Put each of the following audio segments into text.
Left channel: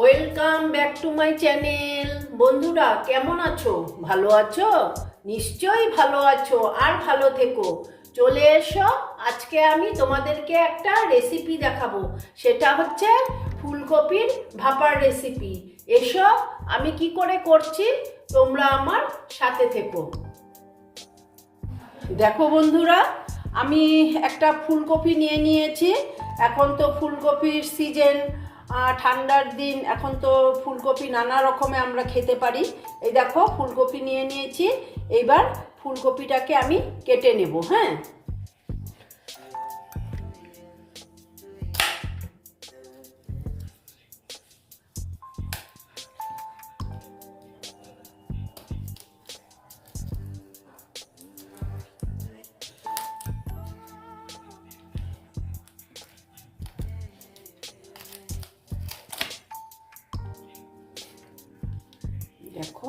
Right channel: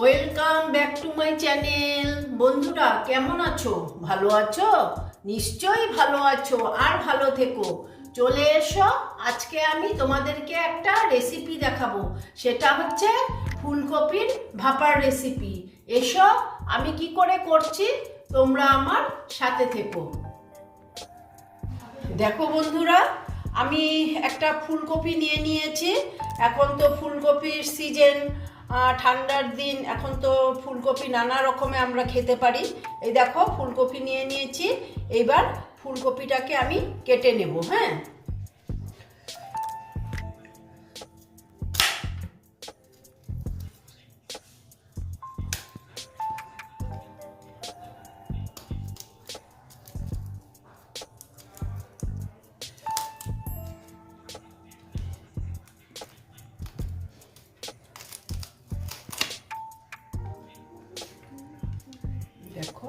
Welcome back to my channel. বন্ধুরা কেমন আছো? ভালো আছো? নিশ্চয়ই ভালো আছো, আর ভালো থেকো। চলে এসো, আজকে আমি তোমাদেরকে একটা রেসিপি দেখাবো। সেটা হচ্ছে ফুলকপির ভাপার রেসিপি। এসো, আমি কি করে করছি তোমরা আমার সাথে থেকো। দেখো বন্ধুরা, আমি একটা ফুলকপি নিয়ে নিয়েছি। এখন তো ফুলকপির সিজন, ঠান্ডার দিন। এখন তো ফুলকপি নানা রকমে আমরা খেতে পারি। এই দেখো, ফুলকপি নিয়ে নিয়েছি। এইবার ফুলকপিটাকে আমি কেটে নেব। হ্যাঁ, দেখো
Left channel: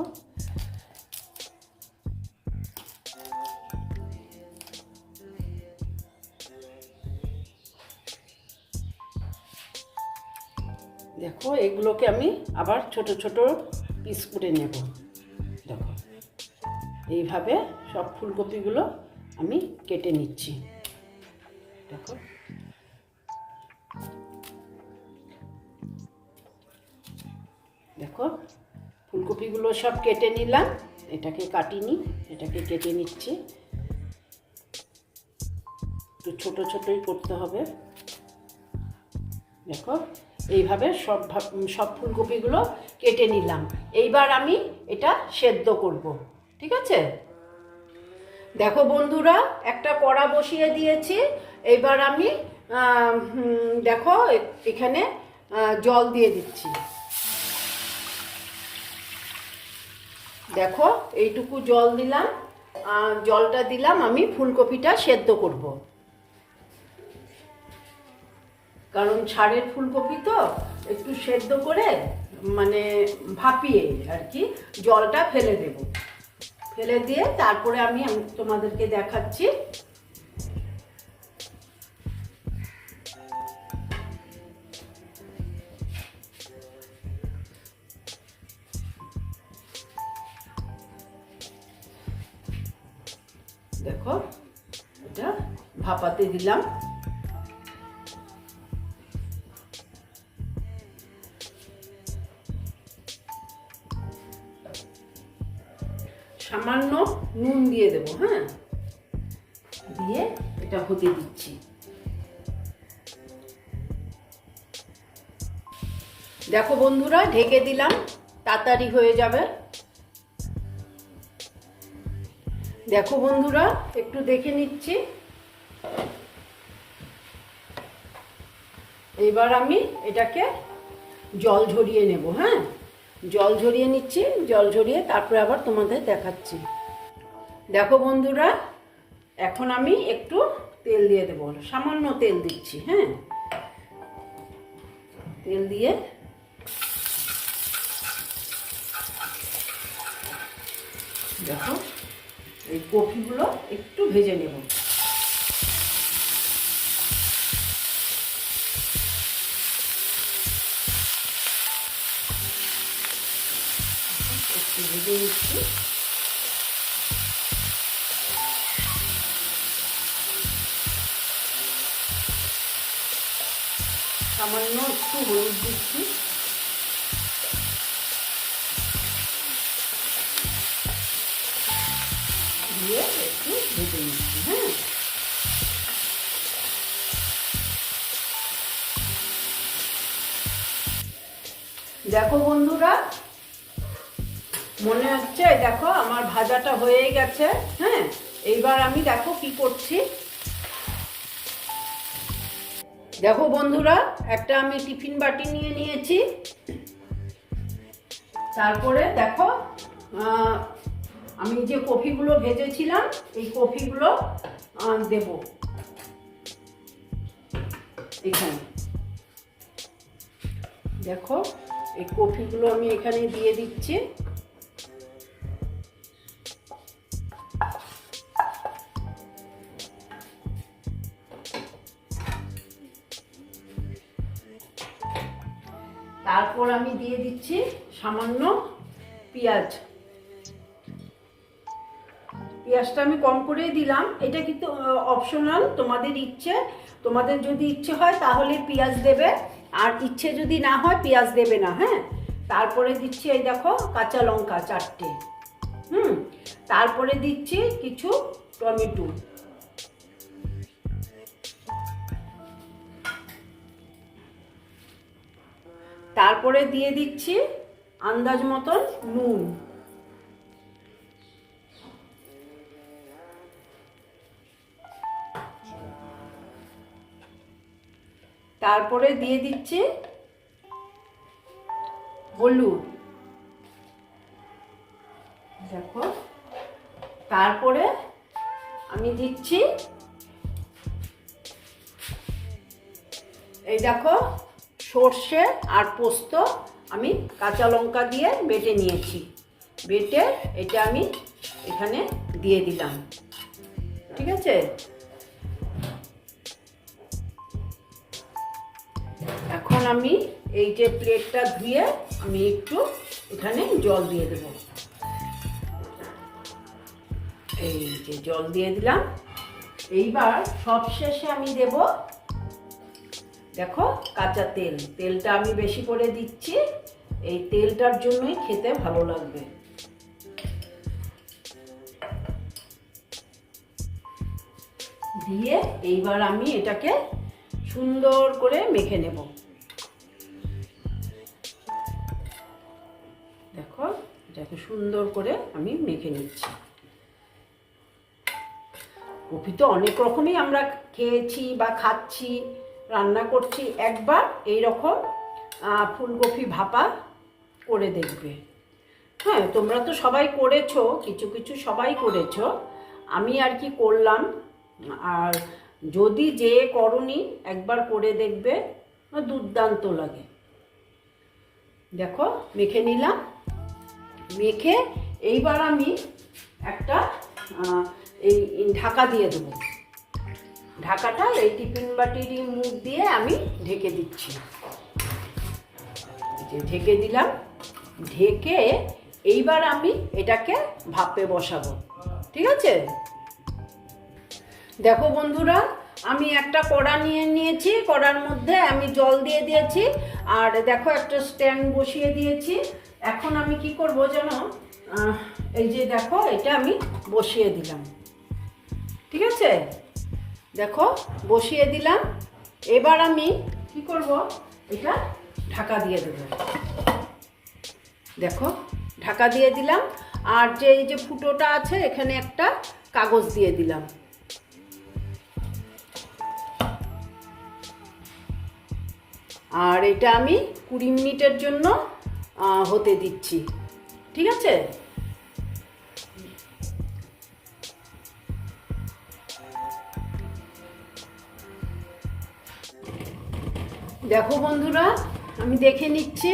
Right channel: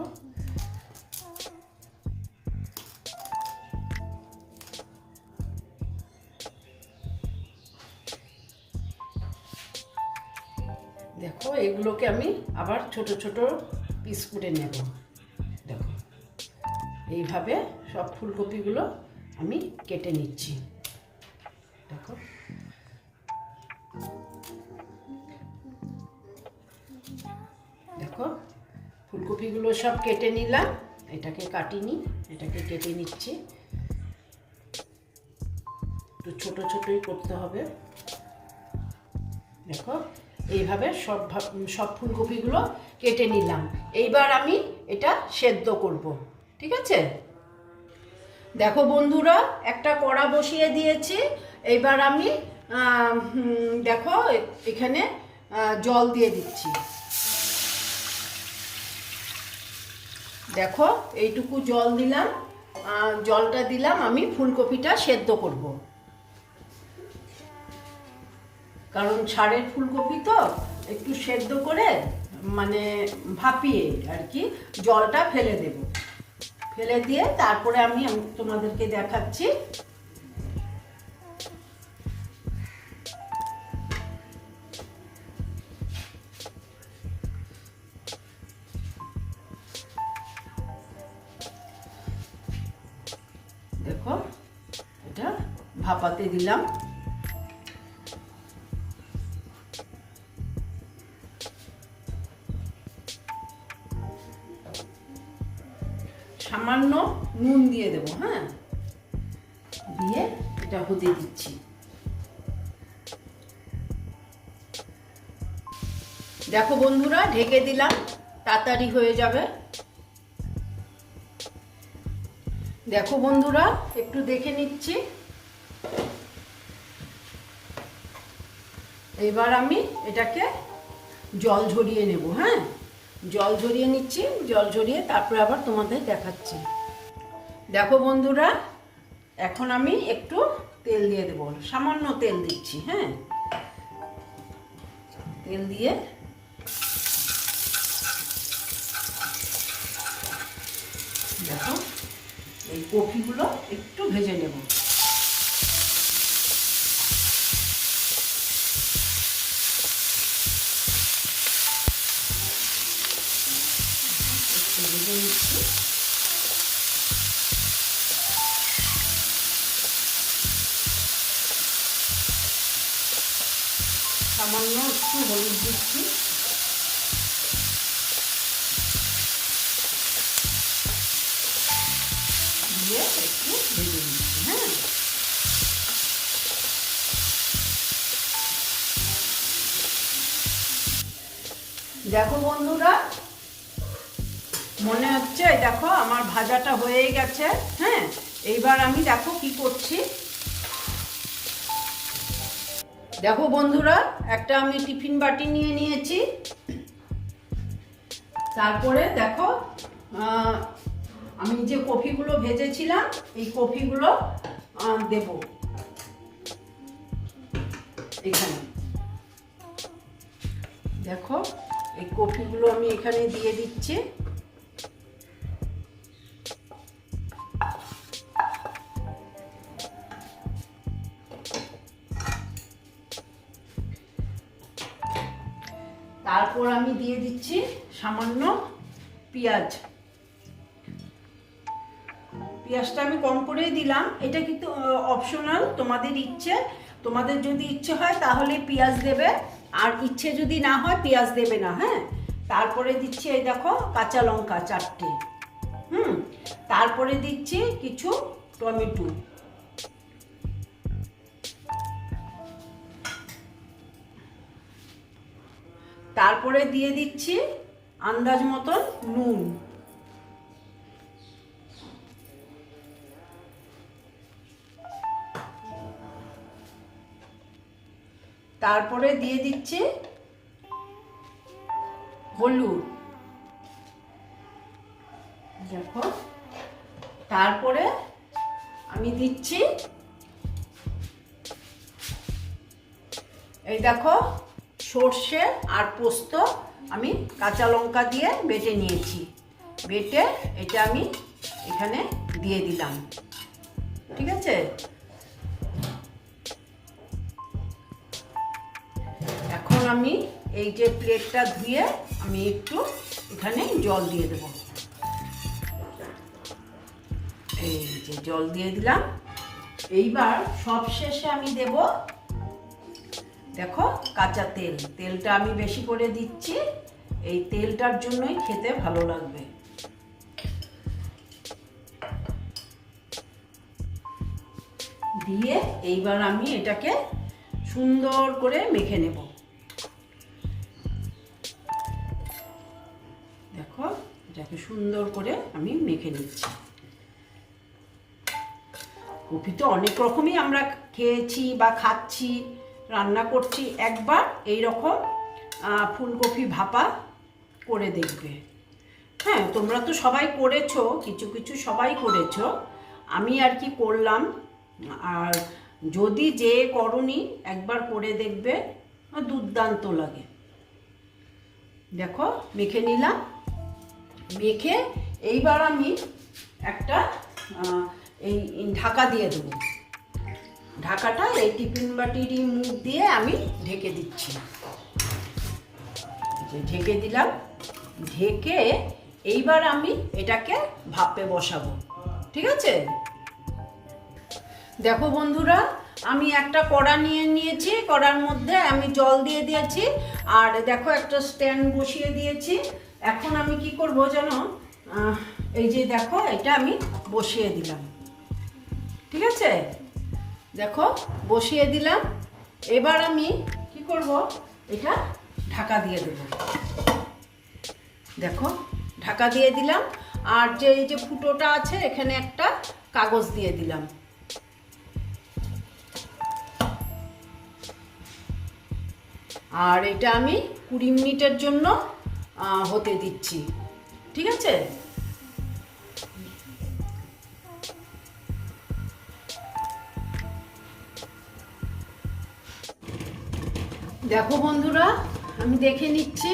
দেখো এগুলোকে আমি আবার ছোট ছোট পিস করে নেব। দেখো, এইভাবে সব ফুলকপিগুলো আমি কেটে নিচ্ছি। দেখো, দেখো ফুলকপিগুলো সব কেটে নিলাম। এটাকে কাটিনি, এটাকে কেটে নিচ্ছি। একটু ছোট ছোটই করতে হবে। দেখো, এইভাবে সব ফুলকপিগুলো কেটে নিলাম। এইবার আমি এটা সেদ্ধ করব, ঠিক আছে? দেখো বন্ধুরা, একটা কড়া বসিয়ে দিয়েছি। এইবার আমি দেখো এখানে জল দিয়ে দিচ্ছি। দেখো, এইটুকু জল দিলাম। জলটা দিলাম আমি ফুলকপিটা সেদ্ধ করব, কারণ ছাড়ের ফুলকপি তো একটু সেদ্ধ করে মানে ভাপিয়ে আর কি জলটা ফেলে দেব। ফেলে দিয়ে তারপরে আমি তোমাদেরকে দেখাচ্ছি। দেখো, এটা ভাপাতে দিলাম। সামান্য নুন দিয়ে দেবো। হ্যাঁ, দিয়ে এটা হতে দিচ্ছি। দেখো বন্ধুরা, ঢেকে দিলাম, তাড়াতাড়ি হয়ে যাবে। দেখো বন্ধুরা, একটু দেখে নিচ্ছি। এবার আমি এটাকে জল ঝরিয়ে নেব। হ্যাঁ, জল ঝরিয়ে নিচ্ছি। জল ঝরিয়ে তারপরে আবার তোমাদের দেখাচ্ছি। দেখো বন্ধুরা, এখন আমি একটু তেল দিয়ে দেবো। সামান্য তেল দিচ্ছি। হ্যাঁ, তেল দিয়ে দেখো এই কপিগুলো একটু ভেজে নেব। একটু ভেজে নিচ্ছি। সামান্য একটু হলুদ দিচ্ছি। দিয়ে একটু ভেজে নিচ্ছি। হ্যাঁ, দেখো বন্ধুরা, মনে হচ্ছে দেখো আমার ভাজাটা হয়ে গেছে। হ্যাঁ, এইবার আমি দেখো কি করছি। দেখো বন্ধুরা, একটা আমি টিফিন বাটি নিয়ে নিয়েছি। তারপরে দেখো আমি যে কফিগুলো ভেজেছিলাম এই কফিগুলো দেব এখানে। দেখো, এই কফিগুলো আমি এখানে দিয়ে দিচ্ছি। তারপর আমি দিয়ে দিচ্ছি সামান্য পেঁয়াজ। পেঁয়াজটা আমি কম করেই দিলাম, এটা কিন্তু অপশনাল, তোমাদের ইচ্ছে। তোমাদের যদি ইচ্ছে হয় তাহলে পেঁয়াজ দেবে, আর ইচ্ছে যদি না হয় পেঁয়াজ দেবে না। হ্যাঁ, তারপরে দিচ্ছি এই দেখো কাঁচা লঙ্কা 4টে। তারপরে দিচ্ছি কিছু টমেটো, তারপরে দিয়ে দিচ্ছি আন্দাজ মতন নুন, তারপরে দিয়ে দিচ্ছি হলুদ, দেখো। তারপরে আমি দিচ্ছি এই দেখো সর্ষে আর পোস্ত আমি কাঁচা লঙ্কা দিয়ে বেটে নিয়েছি। বেটে এটা আমি এখানে দিয়ে দিলাম, ঠিক আছে। এখন আমি এই যে প্লেটটা ধুয়ে আমি একটু এখানে জল দিয়ে দেব। এই যে জল দিয়ে দিলাম। এইবার সবশেষে আমি দেব দেখো কাঁচা তেল। তেলটা আমি বেশি করে দিচ্ছি, এই তেলটার জন্যই খেতে ভালো লাগবে। দিয়ে এইবার আমি এটাকে সুন্দর করে মেখে নেব। দেখো এটাকে সুন্দর করে আমি মেখে নিচ্ছি। কফি তো অনেক রকমই আমরা খেয়েছি বা খাচ্ছি, রান্না করছি। একবার এই রকম ফুলকপি ভাপা করে দেখবে। হ্যাঁ, তোমরা তো সবাই করেছো, কিছু কিছু সবাই করেছো, আমি আর কি করলাম। আর যদি যে করনি একবার করে দেখবে, দুর্দান্ত লাগে। দেখো মেখে নিলাম। মেখে এইবার আমি একটা এই ঢাকা দিয়ে দেবো। ঢাকাটা এই টিফিন বাটির মুখ দিয়ে আমি ঢেকে দিচ্ছি। ঢেকে দিলাম। ঢেকে এইবার আমি এটাকে ভাপে বসাবো, ঠিক আছে। দেখো বন্ধুরা, আমি একটা কড়া নিয়ে নিয়েছি, কড়ার মধ্যে আমি জল দিয়ে দিয়েছি, আর দেখো একটা স্ট্যান্ড বসিয়ে দিয়েছি। এখন আমি কি করব জানো, এই যে দেখো এটা আমি বসিয়ে দিলাম, ঠিক আছে। দেখো বসিয়ে দিলাম। এবার আমি কি করব, এটা ঢাকা দিয়ে দেব। দেখো ঢাকা দিয়ে দিলাম। আর যে এই যে ফুটোটা আছে এখানে একটা কাগজ দিয়ে দিলাম। আর এটা আমি 20 মিনিটের জন্য হতে দিচ্ছি, ঠিক আছে। দেখো বন্ধুরা, আমি দেখে নিচ্ছি।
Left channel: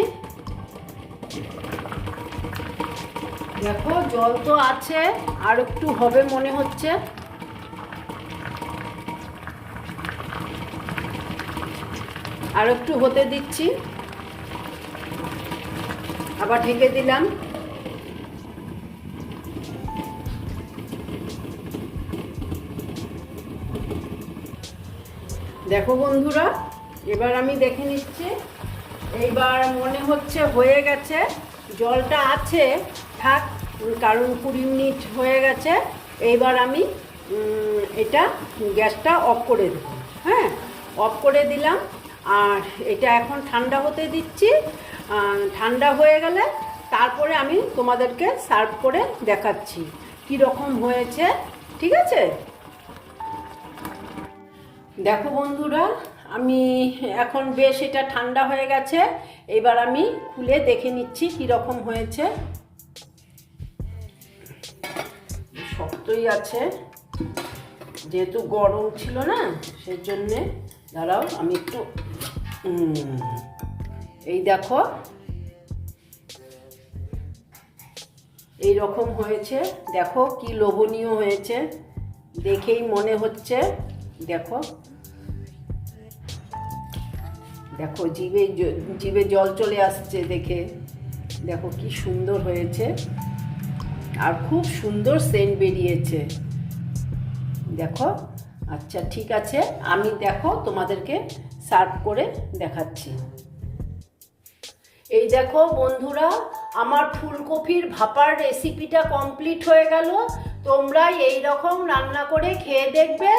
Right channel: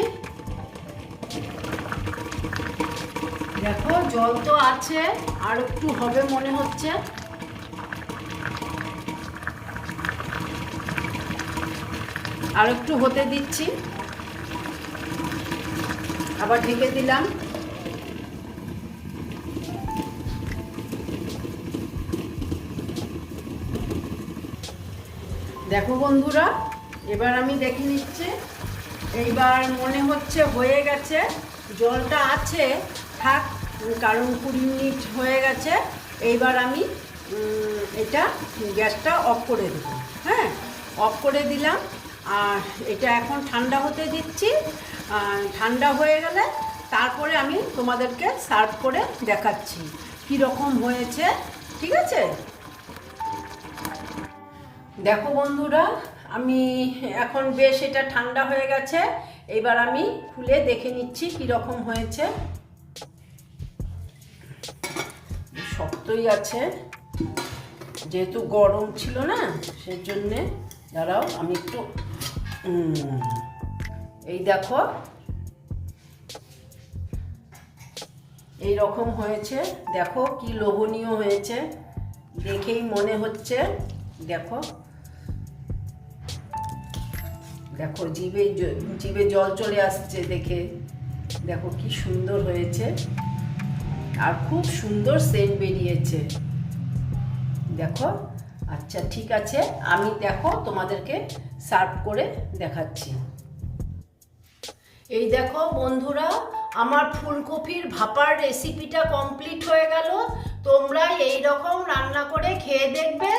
দেখো জল তো আছে, আর একটু হবে মনে হচ্ছে। আর একটু হতে দিচ্ছি, আবার ঢেকে দিলাম। দেখো বন্ধুরা, এবার আমি দেখে নিচ্ছি। এইবার মনে হচ্ছে হয়ে গেছে। জলটা আছে থাক, কারণ 20 মিনিট হয়ে গেছে। এইবার আমি এটা গ্যাসটা অফ করে দেব। হ্যাঁ, অফ করে দিলাম। আর এটা এখন ঠান্ডা হতে দিচ্ছি। ঠান্ডা হয়ে গেলে তারপরে আমি তোমাদেরকে সার্ভ করে দেখাচ্ছি কীরকম হয়েছে, ঠিক আছে। দেখো বন্ধুরা, আমি এখন বেশ এটা ঠান্ডা হয়ে গেছে। এবার আমি খুলে দেখে নিচ্ছি কীরকম হয়েছে। শক্তই আছে, যেহেতু গরম ছিল না সেই জন্যে। দাঁড়াও আমি একটু, এই দেখো এই রকম হয়েছে। দেখো কি লোভনীয় হয়েছে, দেখেই মনে হচ্ছে। দেখো দেখো জিভে জল চলে আসছে দেখে। দেখো কি সুন্দর হয়েছে, আর খুব সুন্দর সেন্ট বেরিয়েছে। দেখো, আচ্ছা ঠিক আছে, আমি দেখো তোমাদেরকে সার্ভ করে দেখাচ্ছি। এই দেখো বন্ধুরা, আমার ফুলকপির ভাপার রেসিপিটা কমপ্লিট হয়ে গেল। তোমরা এই রকম রান্না করে খেয়ে দেখবে,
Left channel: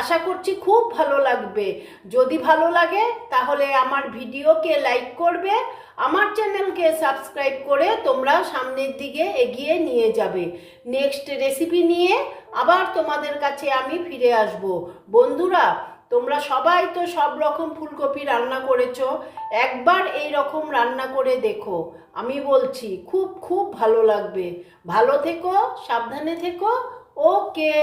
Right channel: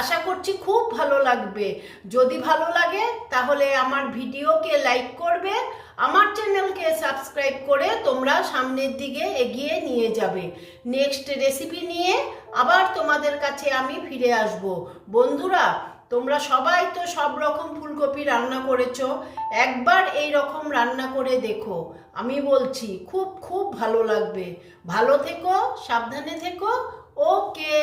আশা করছি খুব ভালো লাগবে। যদি ভালো লাগে তাহলে আমার ভিডিওকে লাইক করবে, আমার চ্যানেলকে সাবস্ক্রাইব করে তোমরা সামনের দিকে এগিয়ে নিয়ে যাবে। নেক্সট রেসিপি নিয়ে আবার তোমাদের কাছে আমি ফিরে আসব। বন্ধুরা, তোমরা সবাই তো সব রকম ফুলকপি রান্না করেছো, একবার এই রকম রান্না করে দেখো। আমি বলছি খুব খুব ভালো লাগবে। ভালো থেকো, সাবধানে থেকো। ওকে।